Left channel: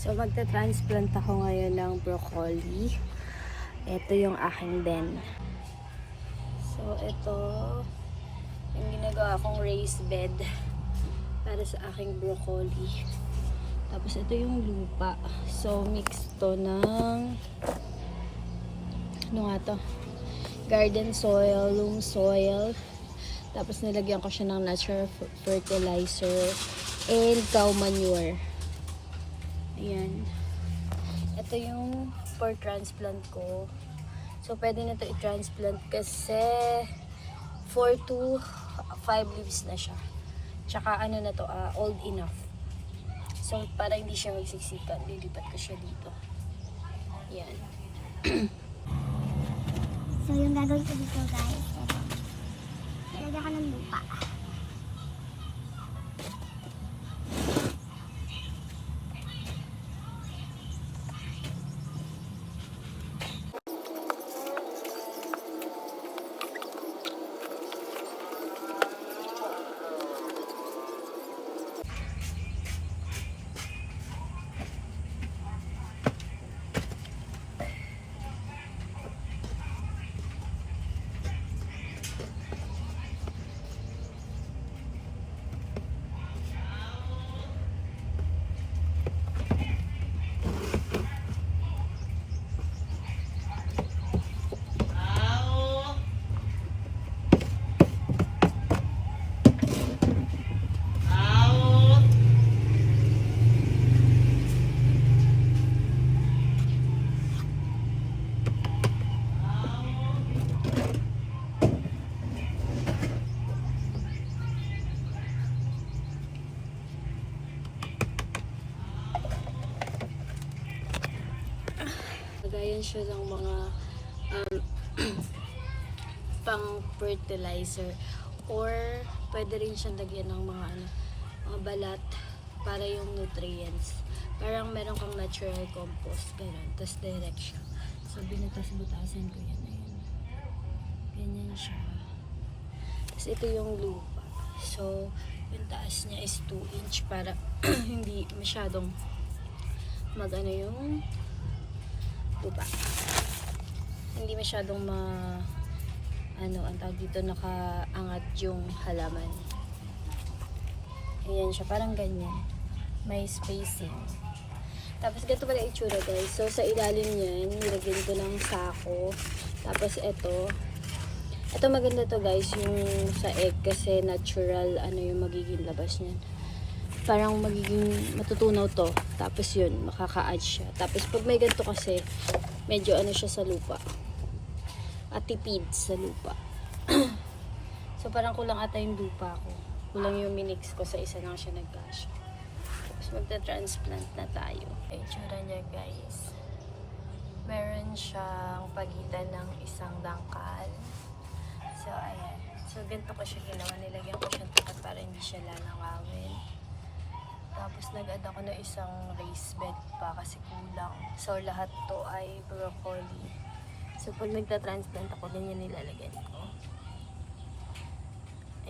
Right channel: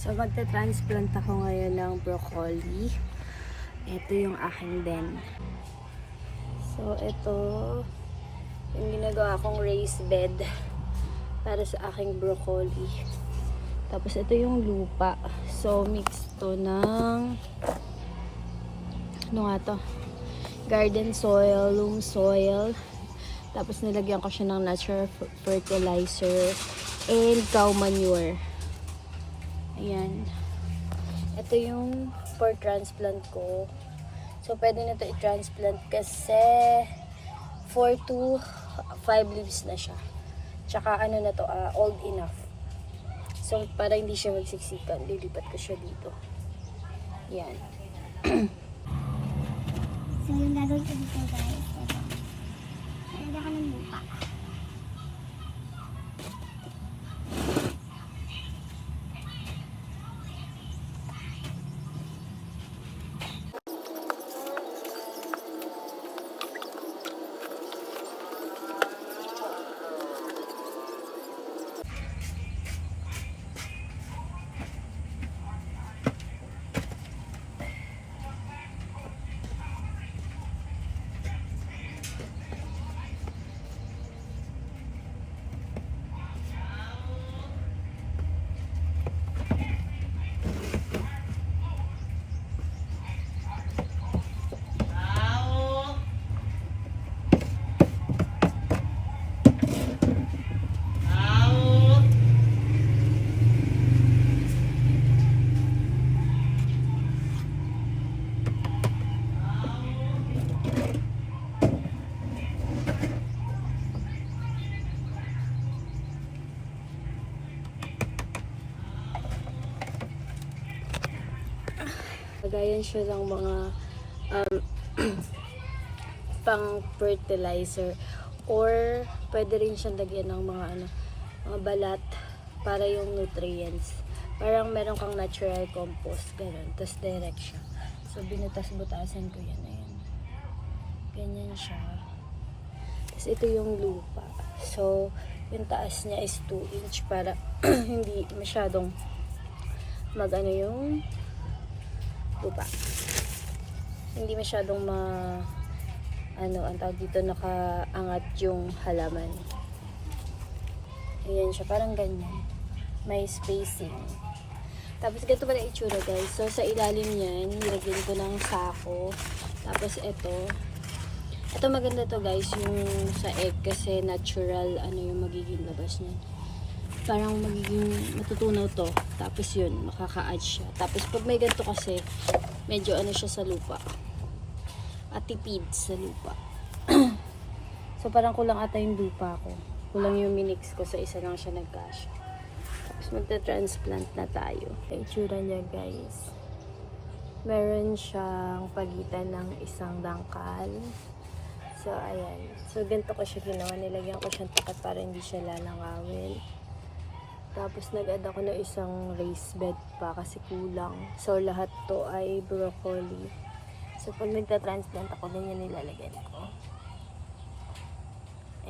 So, magta-transplant ako ngayon ng broccoli. Ito yung aking den. So, ito yung ginagawa kong raised bed para sa aking broccoli. Tapos, ito yung lupa. So, mix to ng ano nga to? Garden soil, loam soil. Tapos, nilagyan ko siya ng natural fertilizer and cow manure. Ayan. Ito yung for transplant ko. So, pwede na ito i-transplant kasi 4 to 5 leaves na siya. Tsaka ano na to, old enough. So, para hindi siya magsiksikan, lilipat ko siya dito. Ayan. So, yung gagawin ko dito guys, ito. Nalagyan ko ng lupa. Lagayan siya ng mga pang fertilizer or pwede rin siyang lagyan ng mga mga balat para yung nutrients. Parang meron kang natural compost, gano'n. Tapos direct siya. So, binutas-butasan ko yan. Ayan. Ganyan siya. Tapos ito yung lupa. So, yung taas niya is 2 inch para hindi masyadong mag-ano yung lupa. Hindi masyadong ang tawag dito, nakaangat yung halaman. Ayan siya, parang ganyan. May spacing. Tapos ganito pala itsura guys. So sa ilalim niyan, nilagyan ko ng sako. Tapos ito maganda to guys, yung sa egg kasi natural yung magiging labas niyan. Parang magiging matutunaw to. Tapos yun, makaka-add siya. Tapos pag may ganito kasi, medyo siya sa lupa. At tipid sa lupa. So parang kulang ata yung lupa ko. Kulang yung minix ko, sa isa lang siya nagkasya. Tapos magta-transplant na tayo. Itsura niya guys. Meron siyang pagitan ng isang dangkal. So ayan. So ganito ko siya ginawa. Nilagyan ko siyang tapat para hindi siya lalangawin. Tapos nag-add ako ng isang raised bed pa kasi kulang. So lahat to ay broccoli. So pag nagta-transplant ako, ganyan nilalagyan ko.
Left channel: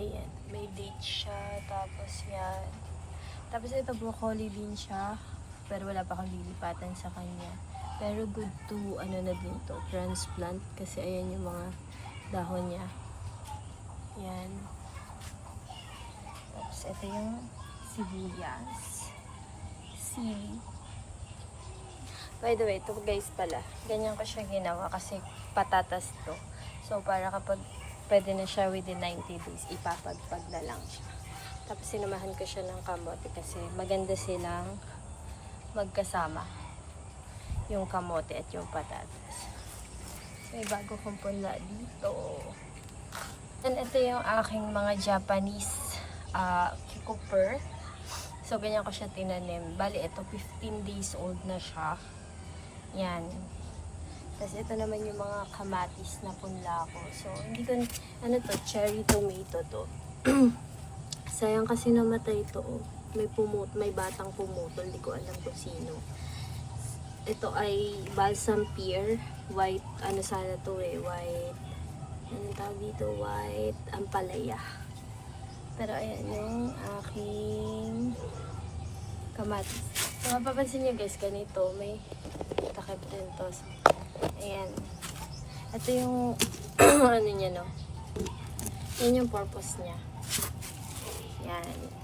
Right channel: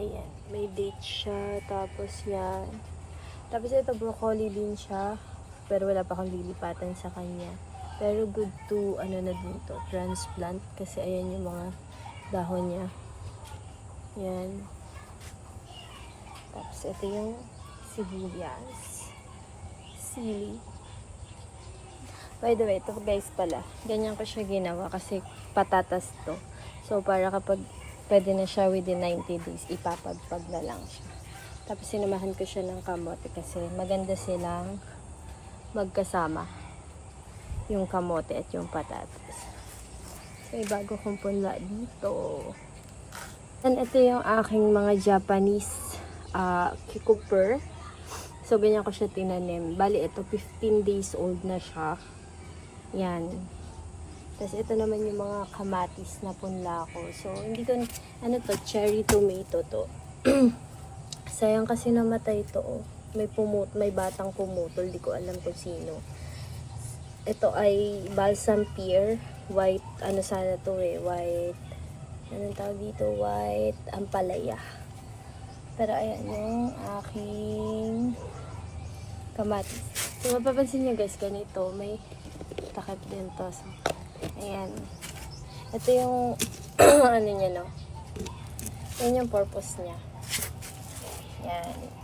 Ayan. May date siya. Tapos yan. Tapos ito broccoli din siya. Pero wala pa akong lilipatan sa kanya. Pero good to na dito, transplant. Kasi ayan yung mga dahon niya. Ayan. Tapos ito yung sibuyas. Sili. By the way, ito guys pala. Ganyan ko siya ginawa kasi patatas to. So, para kapag pwede na siya within 90 days, ipapagpag na lang siya. Tapos, sinamahan ko siya ng kamote kasi maganda silang magkasama. Yung kamote at yung patatas. So, bago kong punla dito. And ito yung aking mga Japanese cucumber. So, ganyan ko siya tinanim. Bali, ito 15 days old na siya. Yan. Tapos, ito naman yung mga kamatis na punla ko. So, hindi ko, cherry tomato to. Sayang kasi namatay to. May batang pumutol. Di ko alam kung sino. Ito ay balsam pear. White, sana to white. Anong tawag dito? White ampalaya. Pero ayan yung aking kamatis. So, mapapansin nyo guys, ganito, may takip din to. So, ayan. Ito yung, ano niya, no? Yan yung purpose niya. Yan.